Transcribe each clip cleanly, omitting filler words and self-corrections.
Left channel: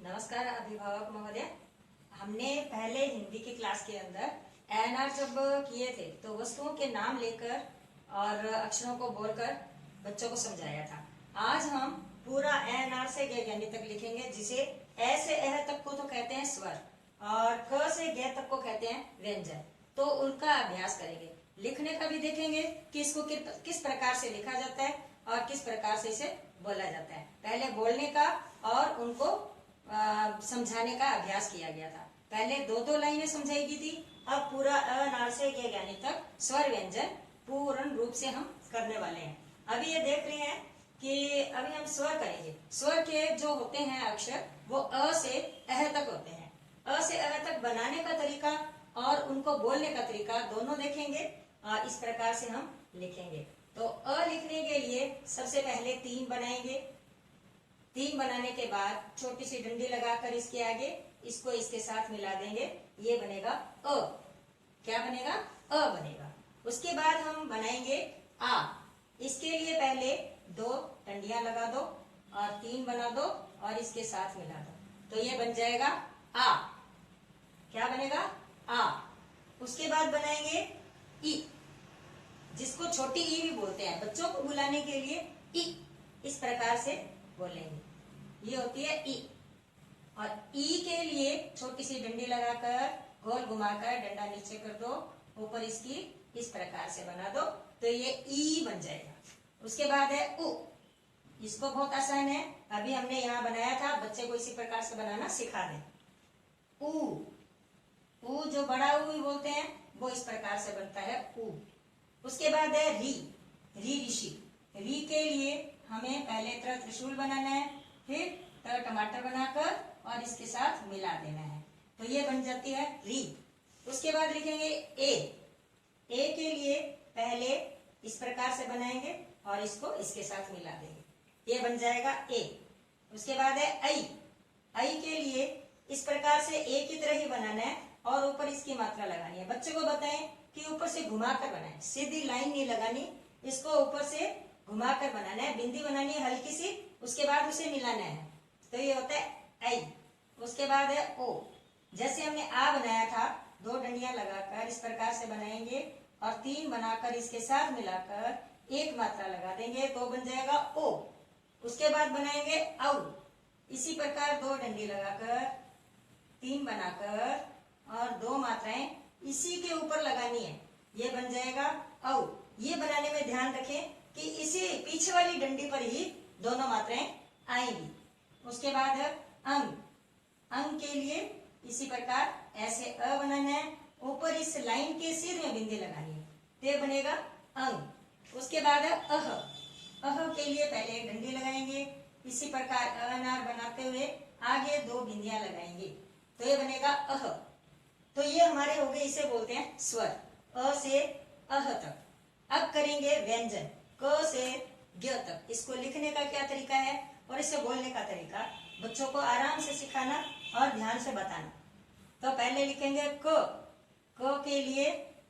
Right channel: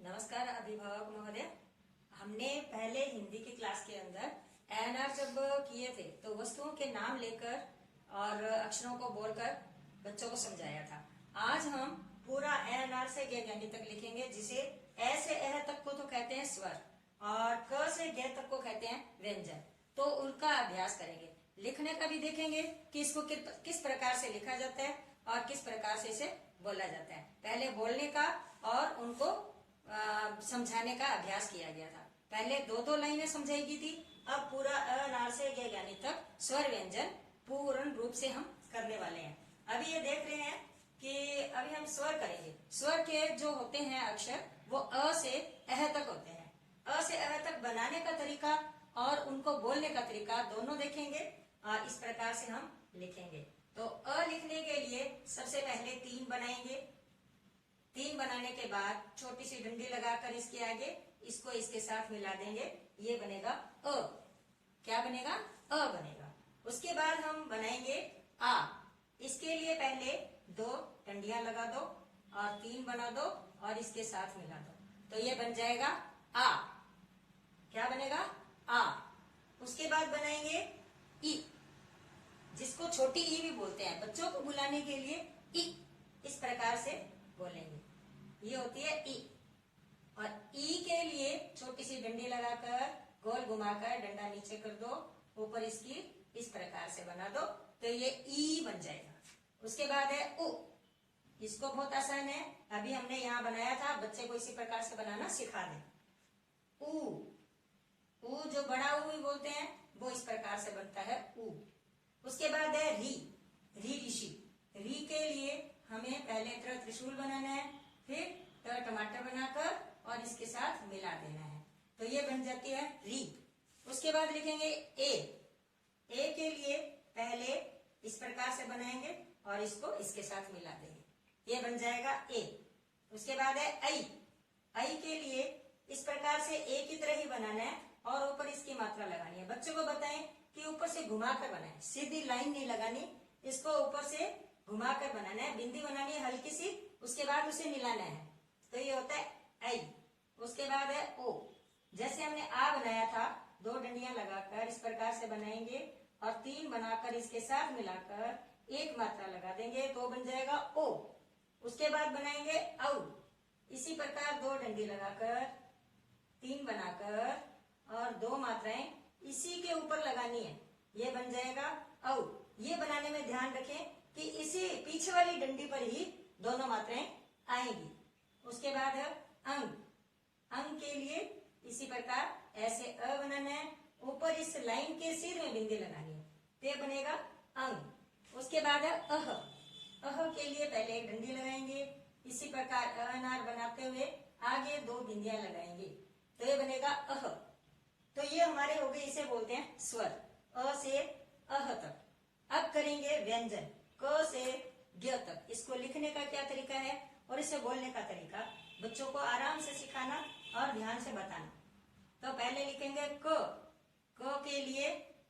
नमस्कार अभिभावक महोदय। हमने पहले हिंदी की क्लास के अंदर एएनआर जब किए थे तो वस्तुओं के नाम लेकर और अक्षरों को बोलकर बच्चों को समझाया था। आज हम पूरा एएनआर से ग यानी तक लिखेंगे, जिसे ए से एह तक को तो कहते हैं स्वर और क से ग तक को कहते हैं व्यंजन। तो उनका अभ्यास करेंगे, लिखने का भी देखेंगे कि इसको किस प्रकार से लिखा जाता है और किस प्रकार से इसे बोला जाता है। पहले बोलने का और उनको समझाने का अभ्यास किया गया था। पहले दो लाइनें समझाई गई थी, अब पूरा अ से ग यानी तक स्वर व्यंजन पूर्ण रूप से हम करने वाले हैं। अभी ये देख रहे हैं कि अभी हम स्वर करेंगे। स्वर के जो होते हैं अक्षर वो अ से अह तक होते हैं। अ से अह तक बनाने का तरीका और उनको बोलने का तरीका दोनों देखेंगे। इस प्रकार से हम लिखेंगे। तो अ लिखने के लिए सबसे पहले 3 बनाएंगे। 3 बनाने के बाद छोटी सी डंडी लगाकर इसके आगे इसको इसके साथ मिला देंगे, ये बनेगा अ। क्या बनेगा? अ बनेगा। उसके बाद हम बनाएंगे आ। इसके लिए पहले 2 डंडियां लगा दो और 3 बना दो और इसके साथ मिला दो, तो ये बन जाएगा आ। क्या बनेगा? आ। उसके बाद बनाएंगे ई, जिसको छोटी ई भी बोलते हैं। बच्चों को बुलाने के लिए ई इस प्रकार से बोलेंगे, ये होती है ई। और ई के लिए छोटी सी डंडी लगाकर गोल घुमाकर डंडा नीचे कर दो, ऊपर इसकी इस प्रकार से बना दो, तो ये ई बन जाएगा। उसके बाद है उ। इसको बहुत आसान है, अभी हमने यहाँ बनाया था, बच्चे को इसी प्रकार से बनाना सिखा दें। उ जो बड़ा उ बोलते हैं वो इस प्रकार से बनता है उ। उसके बाद है री। री ऋषि। री के लिए हमें पहले त्रिशूल बनाना है, फिर टमाटर बनाकर और इसके साथ मिला देना है, तो ये बन जाती है री। उसके बाद लिखेंगे ए। ए के लिए पहले इस प्रकार से बनाएंगे और इसको इसके साथ मिला देंगे, ये बन जाएगा ए। उसके बाद है आई। आई के लिए इस प्रकार से ए की तरह ही बनाना है और ऊपर इसकी मात्रा लगानी है। बच्चों को बताएं कि ऊपर से घुमाकर बनाएं, सीधी लाइन नहीं लगानी, इसको ऊपर से घुमाकर बनाना है, बिंदी बनानी है हल्की सी, उसके बाद उसे मिलाना है, तो ये होता है आई। उसके बाद है ओ। जैसे हमने आ बनाया था, 2 डंडियां लगाकर इस प्रकार से बनाएंगे और 3 बनाकर इसके साथ मिलाकर एक मात्रा लगा देंगे, तो बन जाएगा ओ। उसके बाद बनाएंगे औ। इसी प्रकार 2 डंडी लगाकर 3 बनाकर और 2 मात्राएं इसी के ऊपर लगानी है, ये बन जाएगा औ। ये बनाने में ध्यान रखें कि इसी पीछे वाली डंडी पर ही दोनों मात्राएं आएंगी। उसके बाद है अंग। अंग के लिए इसी प्रकार ऐसे अ बनाना है, ऊपर इस लाइन के सिर में बिंदी लगानी है, तो बनेगा अंग। उसके बाद है अह। अह के लिए पहले एक डंडी लगाएंगे, इसी प्रकार अनार बनाते हुए आगे 2 बिंदियां लगाएंगे, तो ये बनेगा अह। तो ये हमारे हो गए, इसे बोलते हैं स्वर, अ से अह तक। अब करेंगे व्यंजन, क से ग तक। इसको लिखने का क्या तरीका है और इसे बोलने का तरीका बच्चों को आराम से सिखाना और ध्यान से बताना। तो पहले लिखेंगे क। क के लिए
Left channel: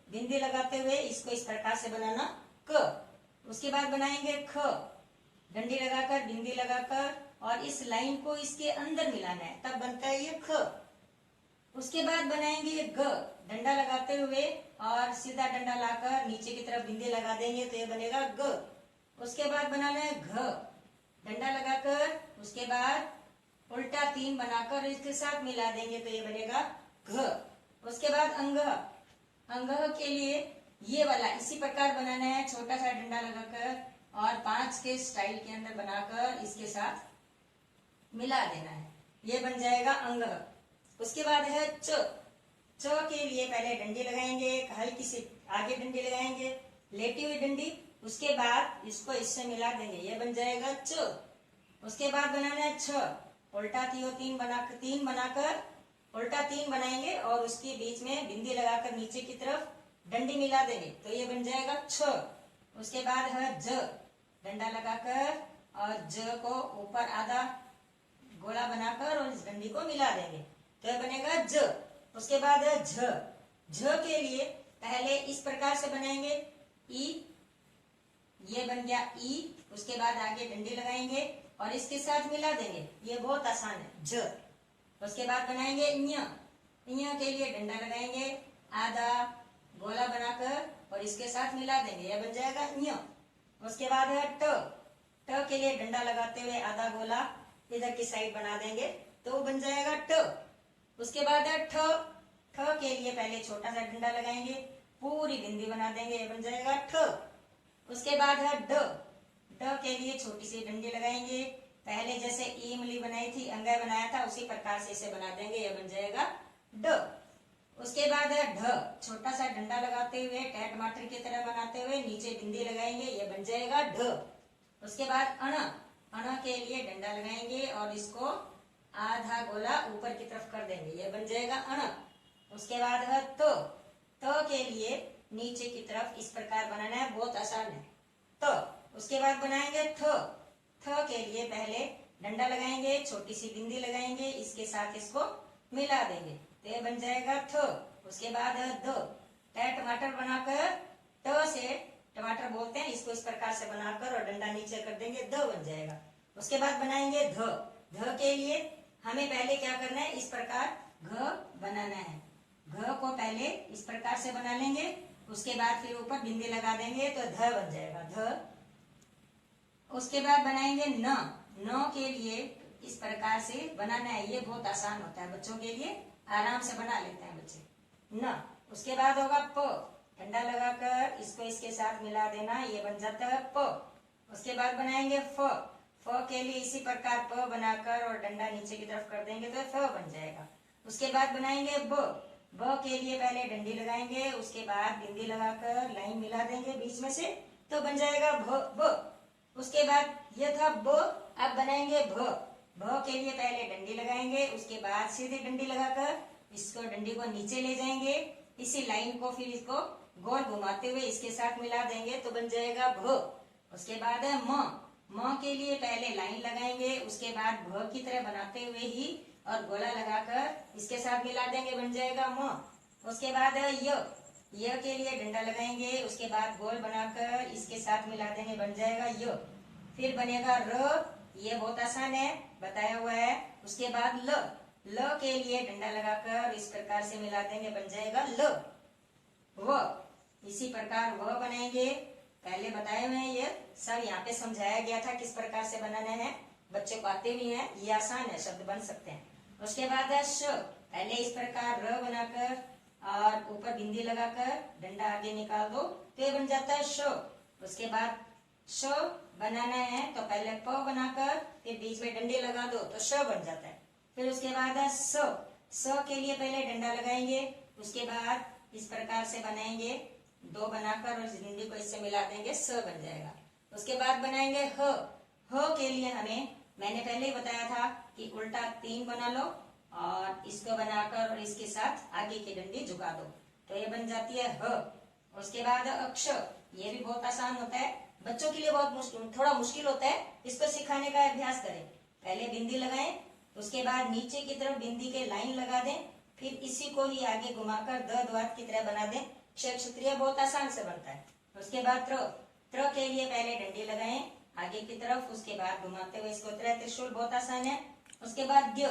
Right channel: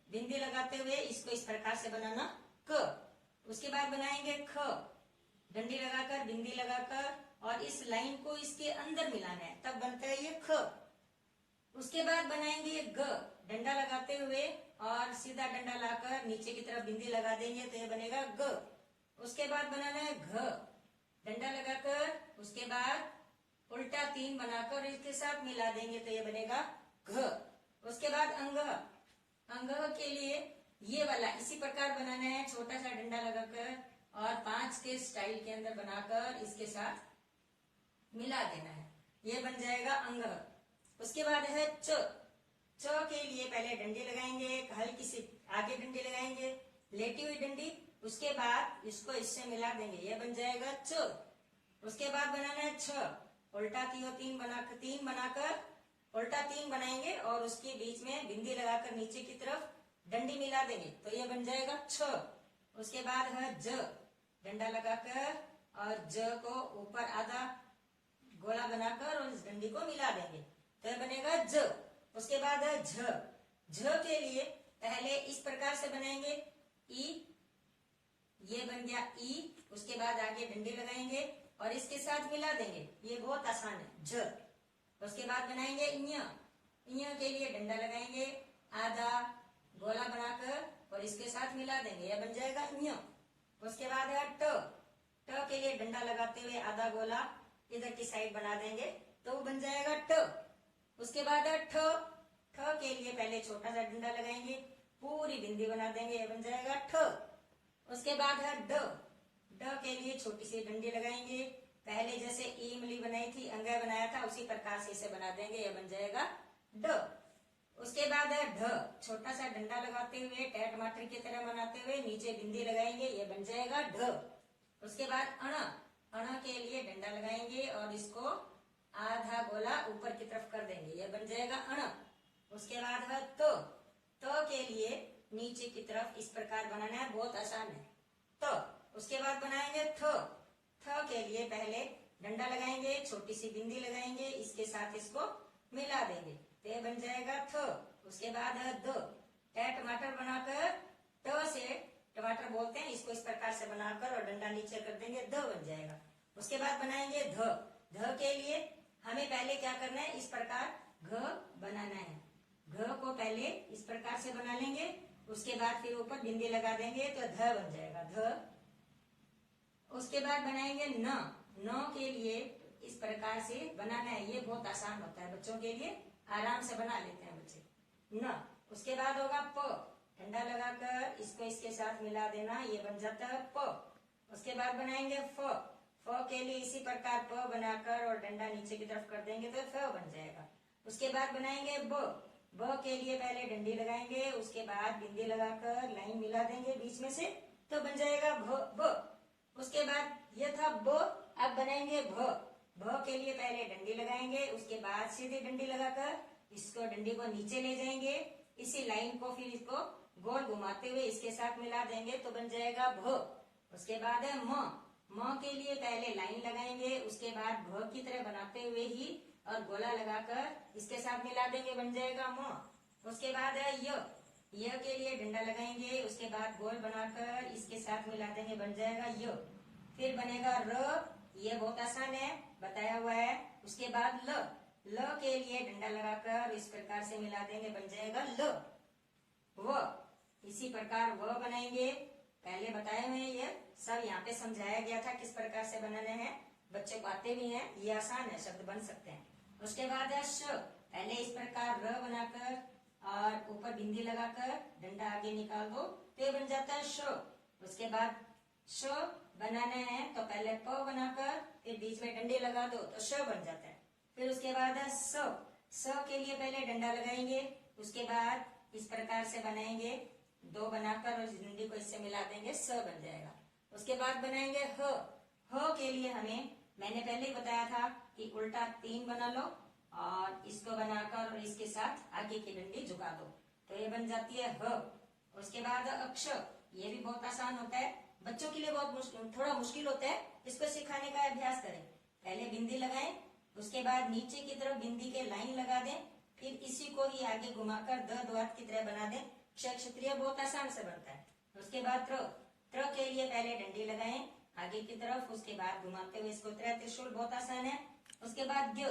बिंदी लगाते हुए इसको इस प्रकार से बनाना क। उसके बाद बनाएंगे ख। डंडी लगाकर बिंदी लगाकर और इस लाइन को इसके अंदर मिलाना है, तब बनता है ये ख। उसके बाद बनाएंगे ये ग। डंडा लगाते हुए और सीधा डंडा लाकर नीचे की तरफ बिंदी लगा देंगे, तो ये बनेगा ग। उसके बाद बनाना है घ। डंडा लगाकर उसके बाद उल्टा 3 बनाकर इसके साथ मिला देंगे, तो ये बनेगा घ। उसके बाद अंगह। अंगह के लिए ये वाला इसी प्रकार बनाना है, छोटा सा डंडा लगाकर और 5 के स्टाइल के अंदर बनाकर इसके साथ मिला देना है, ये बन जाएगा अंगह। उसके बाद है च। च के लिए पहले डंडी लगाएंगे, हल्की सी आगे डंडी लगाएंगे, लेटी हुई डंडी, उसके बाद इसको इससे मिला देंगे, ये बन जाएगा च। उसके बाद बनाना है छ। उल्टा 3 बनाकर उल्टा 3 बनाएंगे और उसके बीच में बिंदी लगाकर नीचे की तरफ डंडी मिला देंगे, तो ये बन जाएगा छ। उसके बाद है ज। डंडा लगाकर और ज को ऊपर आधा गोला बनाकर और इस डंडी को मिला देंगे, तो ये बनेगा ज। उसके बाद है झ। झ के लिए पहले इस प्रकार से बनाएंगे ई, ये बन गया ई। उसके बाद आगे डंडी लगाएंगे और इसके साथ मिला देंगे, ये बहुत आसान है झ। उसके बाद बनाएंगे ञ। ञ के लिए डंडा लगाएंगे, आधा गोला बनाकर और इसके साथ मिला देंगे, यह बन जाएगा ञ। उसके बाद है ट। ट के लिए डंडा लगाते हुए आधा गोला इधर की साइड बना देंगे तो बन जाएगा ट। उसके बाद है ठ। ठ के लिए पहले छोटा सा डंडा लगाएंगे, पूरी बिंदी बना देंगे, यह बन जाएगा ठ। उसके बाद है ड। ड के लिए छोटी सी डंडी लगाएंगे, पहले जैसे इमली बनाई थी, अंगय बनाया था, उसी प्रकार से इसे बना देंगे, यह बन जाएगा ड। उसके बाद है ढ। छोटा सा डंडा लगाते हुए टमाटर की तरह बनाते हुए नीचे बिंदी लगाएंगे, यह बन जाएगा ढ। उसके बाद अण। अण के लिए डंडा लगाएंगे और इसको आधा गोला ऊपर की तरफ कर देंगे, यह बन जाएगा अण। उसके बाद है तो। तो के लिए नीचे की तरफ इस प्रकार बनाना है, बहुत आसान है। तो उसके बाद बनाएंगे थ। थ के लिए पहले डंडा लगाएंगे, छोटी सी बिंदी लगाएंगे, इसके साथ इसको मिला देंगे तो ये बन जाएगा थ। उसके बाद है द। टमाटर बनाकर, ट से टमाटर बोलते हैं, इसको इस प्रकार से बनाकर और डंडा नीचे कर देंगे, द बन जाएगा। उसके बाद बनाएंगे ध। ध के लिए हमें पहले क्या करना है, इस प्रकार घ बनाना है। घ को पहले इस प्रकार से बना लेंगे, उसके बाद फिर ऊपर बिंदी लगा देंगे तो ध बन जाएगा ध। उसके बाद बनाएंगे न। न के लिए इस प्रकार से बनाना है, ये बहुत आसान होता है बच्चों के लिए, आराम से बना लेते हैं बच्चे न। उसके बाद होगा प। डंडा लगाकर इसको इसके साथ मिला देना, ये बन जाता है प। उसके बाद बनाएंगे फ। फ के लिए इसी प्रकार प बनाकर और डंडा नीचे की तरफ कर देंगे तो फ बन जाएगा। उसके बाद बनाएंगे ब। ब के लिए पहले डंडी लगाएंगे, उसके बाद बिंदी लगाकर लाइन मिला देंगे बीच में से तो बन जाएगा भ ब। उसके बाद यह था ब, अब बनाएंगे भ। भ के लिए पहले डंडी लगाएंगे, उसके बाद सीधे डंडी लगाकर इसको डंडी को नीचे ले जाएंगे, इसी लाइन को फिर इसको गोल घुमाते हुए इसके साथ मिला देंगे तो बन जाएगा भ। उसके बाद है म। म के लिए पहले लाइन लगाएंगे, उसके बाद भ की तरह बनाते हुए ही और गोला लगाकर इसके साथ मिला देंगे, बन जाएगा म। उसके बाद है य। य के लिए डंडा लगाएंगे, उसके बाद गोल बनाकर इसके साथ मिला देंगे, बन जाएगा य। फिर बनेगा र, ये बहुत आसान है, बताया हुआ है। उसके बाद ल। ल के लिए डंडा लगाकर इस प्रकार से मिला देंगे, बन जाएगा ल। व, इसी प्रकार व बनाएंगे, पहले बताए हुए हैं, ये सब यहाँ पे समझाया गया था किस प्रकार से बनाना है, बच्चों को आते भी हैं, ये आसान है, शब्द बन सकते हैं। उसके बाद है श। पहले इस प्रकार र बनाकर और ऊपर बिंदी लगाकर डंडा आगे निकाल दो तो ये बन जाता है श। उसके बाद श बनाना है तो पहले प बनाकर फिर बीच में डंडी लगा दो तो श बन जाता है। फिर उसके बाद है स। स के लिए पहले डंडा लगाएंगे, उसके बाद इस प्रकार से बनाएंगे, दो बनाकर और डंडी को इससे मिला देंगे, स बन जाएगा। उसके बाद बनाएंगे ह। ह के लिए हमें, मैंने पहले ही बताया था कि उल्टा 3 बना लो और इसको बनाकर और इसके साथ आगे की डंडी झुका दो तो ये बन जाती है ह। उसके बाद अक्ष, ये भी बहुत आसान होता है, बच्चों के लिए बहुत थोड़ा मुश्किल होता है, इसको सिखाने का अभ्यास करें। पहले बिंदी लगाएं, उसके बाद नीचे की तरफ बिंदी के लाइन लगा दें, फिर इसी को ही आगे घुमाकर द द्वार की तरह बना दें, क्षत्रिय बहुत आसान से बनता है। उसके बाद त्र। त्र के लिए पहले डंडी लगाएं आगे की तरफ, उसके बाद घुमाते हुए इसको त्रिशूल, बहुत आसान है। उसके बाद ज्ञ।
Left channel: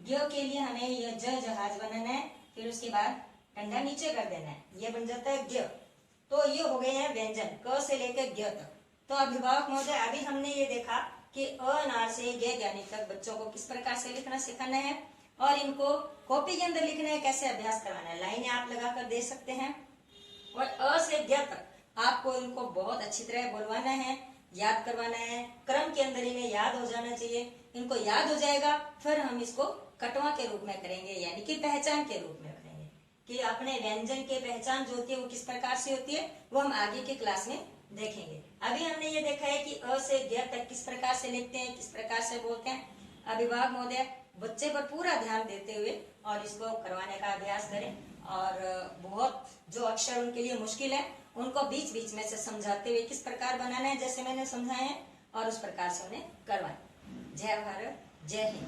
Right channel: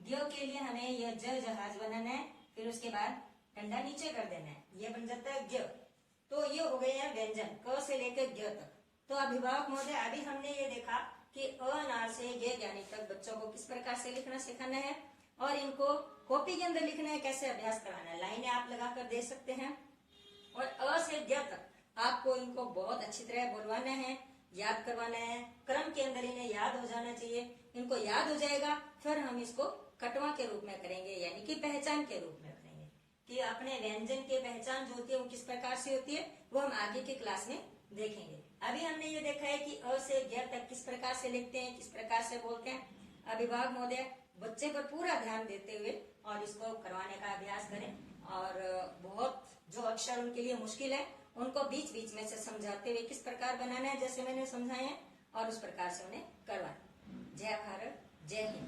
ज्ञ के लिए हमें यह जहाज बनाना है, फिर उसके बाद डंडा नीचे कर देना है, ये बन जाता है ज्ञ। तो ये हो गए हैं व्यंजन क से लेकर ज्ञ तक। तो अभिभावक महोदय, अभी हमने ये देखा कि अनार से ज्ञ ज्ञानी तक बच्चों को किस प्रकार से लिखना सिखाना है और इनको कॉपी के अंदर लिखना है, कैसे अभ्यास करवाना है, लाइनें आप लगाकर दे सकते हैं। और अ से ज्ञ तक आपको इनको बहुत अच्छी तरह बोलवाना है, याद करवाना है, क्रम के अंदर इन्हें याद हो जाना चाहिए। इनको याद हो जाएगा फिर हम इसको कटवा के रूप में करेंगे, यानी कि पहचान के रूप में करेंगे कि अपने व्यंजन की पहचान जो होती है वो किस प्रकार से होती है, वो हम आगे की क्लास में देखेंगे। अभी हमने ये देखा है कि अ से ज्ञ तक किस प्रकार से लिखते हैं, किस प्रकार से बोलते हैं। अभिभावक महोदय बच्चे पर पूरा ध्यान देते हुए और इसको करवाने का अभ्यास करें और बहुत जो अक्षर उनके लिए मुश्किल है उनको बीच बीच में से समझाते हुए किस प्रकार बनाना है, जैसे मैंने समझाया है, और उस प्रकार से उन्हें करवाएं। जय भारत, जय हिंद।